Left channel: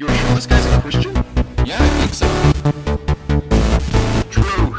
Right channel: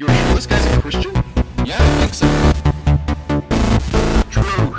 You're sure this guy's a Christian? Yeah, I think so. Truth.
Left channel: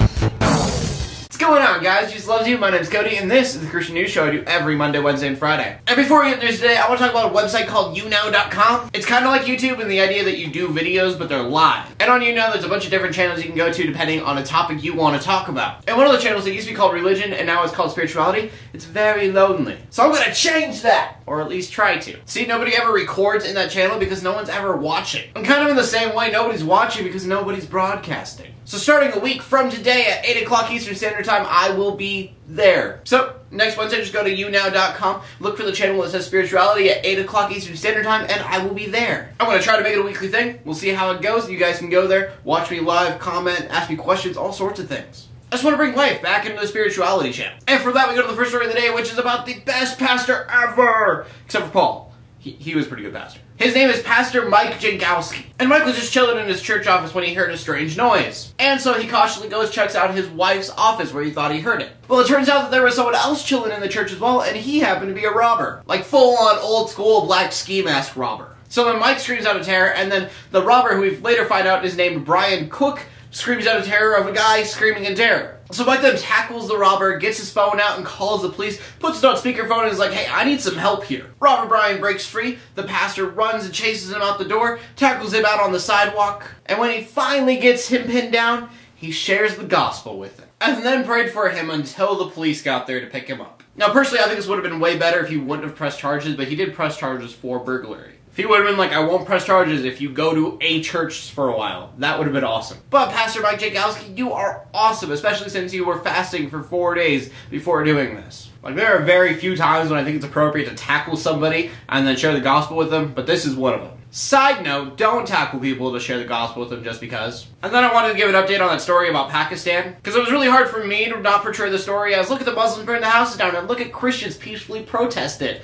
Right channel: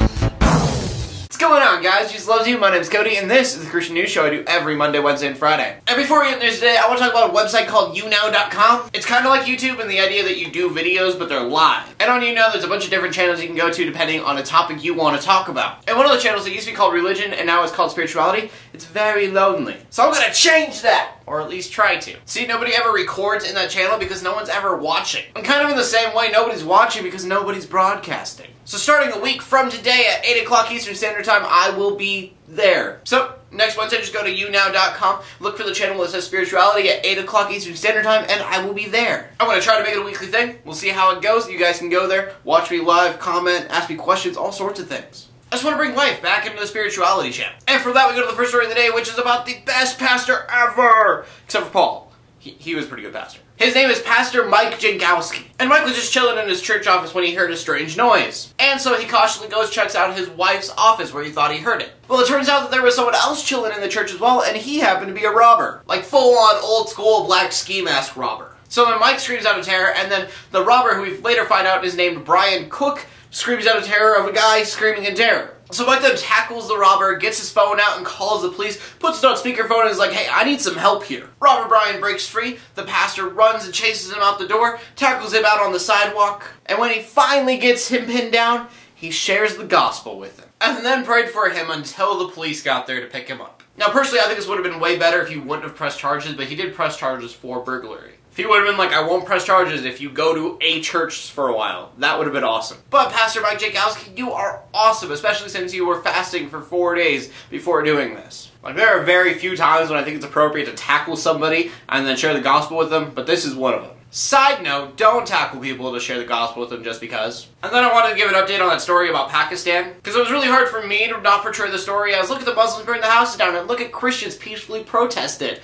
What's going on, guys? Jesus loves you. My name's Cody, and this is the Christian News Show I do every Monday, Wednesday, and Friday. And before we get into news today, I want to talk about a website called younow.com. It's kind of like YouTube in the idea that you do videos, but they're live. And on YouNow, there's a bunch of different channels you can go to depending on a topic you want to talk about. And one of the channels that used to be called Religion, and now it's called Spirituality, it's very lonely. So I'm gonna change that! Or at least try to. See, nobody ever records in that channel because no one's ever watching. And kind of in the same way, nobody's watching because nobody's broadcasting. So starting a week from today at 8 o'clock Eastern Standard Time, I will be there. So, next Wednesday, just go to younow.com, look for the channel that says Spirituality at 8 o'clock Eastern Standard Time, and I will be there. I'm going to try to make it a weekly thing. We'll see how it goes. You guys can go there, watch me live, comment, ask me questions, all sorts of things. I just want to bring life back into the Spirituality channel. And for that, we go to the first story of the day, which is about the best pastor ever! Except for Paul. He was a pretty good pastor. His name is Pastor Mike Jankowski. And Mike was just chilling in his church office when he heard a strange noise. And so he cautiously goes, checks out his wife's office where he thought he heard it. Well, it turns out that there was someone else chilling in the church as well, and he happened to be a robber. Like full-on old-school black ski mask robber. So then Mike screams out of terror, and then the robber, who we later find out is named Brian Cook, screams out of terror of a guy screaming in terror. So Mike then tackles the robber, gets his phone out and calls the police, puts it on speakerphone and is like, hey, I need some help here. Robber Brian breaks free, the pastor runs and chases him out the door, tackles him out on the sidewalk, and when he finally gets him pinned down, he shares the gospel with him. And then prayed for him until the police got there to pick him up. Now personally, I think this would have been way better if he wouldn't have pressed charges, but he did press charges for burglary. If he would have been like, I won't press charges if you go to a church for a while, that would have been awesome. But Pastor Mike Jankowski, you are awesome, especially since you were fasting for 4 days before doing this. Like, there are very few times when I think it's appropriate to tackle somebody and then share the gospel with them, but this is one of them. Side note, don't tackle people to share the gospel with them just because. And then I wanted to give an update on that story about Pakistan, because it was really hard for me to not portray the story as, look at the Muslims burn the houses down, and look at Christians peacefully protest it.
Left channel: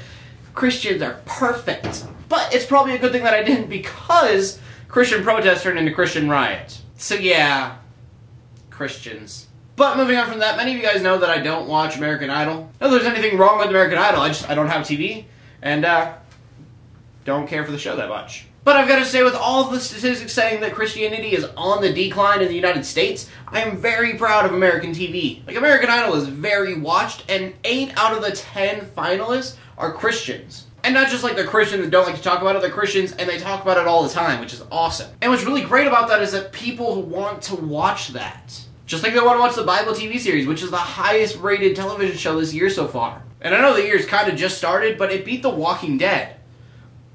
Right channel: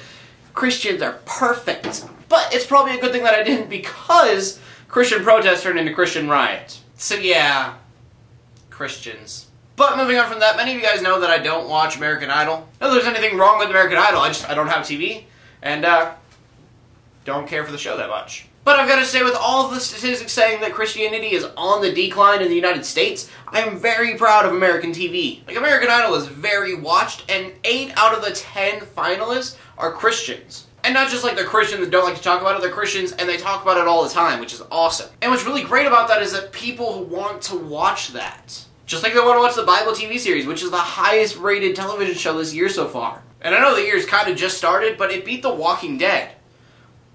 Christians are perfect. But it's probably a good thing that I didn't, because Christian protests turned into Christian riots. So yeah, Christians. But moving on from that, many of you guys know that I don't watch American Idol. Not that there's anything wrong with American Idol, I don't have TV, and don't care for the show that much. But I've got to say, with all the statistics saying that Christianity is on the decline in the United States, I am very proud of American TV. Like, American Idol is very watched, and 8 out of the 10 finalists are Christians. And not just like they're Christians that don't like to talk about it, they're Christians and they talk about it all the time, which is awesome. And what's really great about that is that people want to watch that. Just like they want to watch the Bible TV series, which is the highest rated television show this year so far. And I know the year's kind of just started, but it beat The Walking Dead,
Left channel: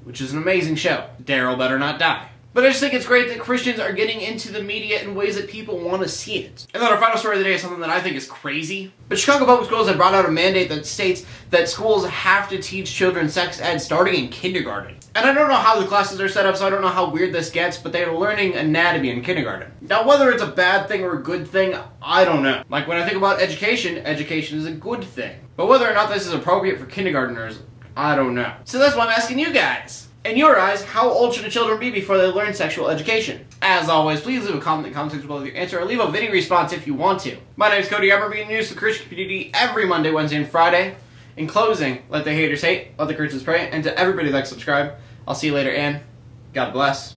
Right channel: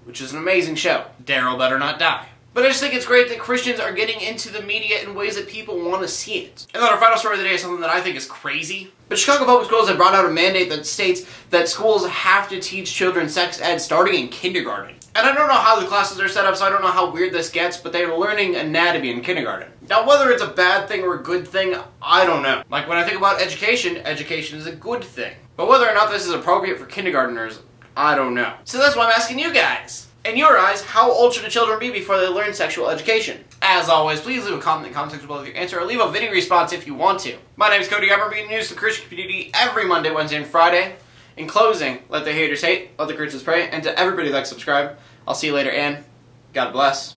which is an amazing show. Daryl better not die. But I just think it's great that Christians are getting into the media in ways that people want to see it. And then our final story of the day is something that I think is crazy. But Chicago Public Schools have brought out a mandate that states that schools have to teach children sex ed starting in kindergarten. And I don't know how the classes are set up, so I don't know how weird this gets, but they are learning anatomy in kindergarten. Now, whether it's a bad thing or a good thing, I don't know. Like, when I think about education, education is a good thing. But whether or not this is appropriate for kindergartners, I don't know. So that's why I'm asking you guys. In your eyes, how old should the children be before they learn sexual education? As always, please leave a comment in the comment section below with your answer, or leave a video response if you want to. My name is Cody. I'm bringing news to the Christian community every Monday, Wednesday, and Friday. In closing, let the haters hate, let the Christians pray, and to everybody like, subscribe. I'll see you later, and God bless.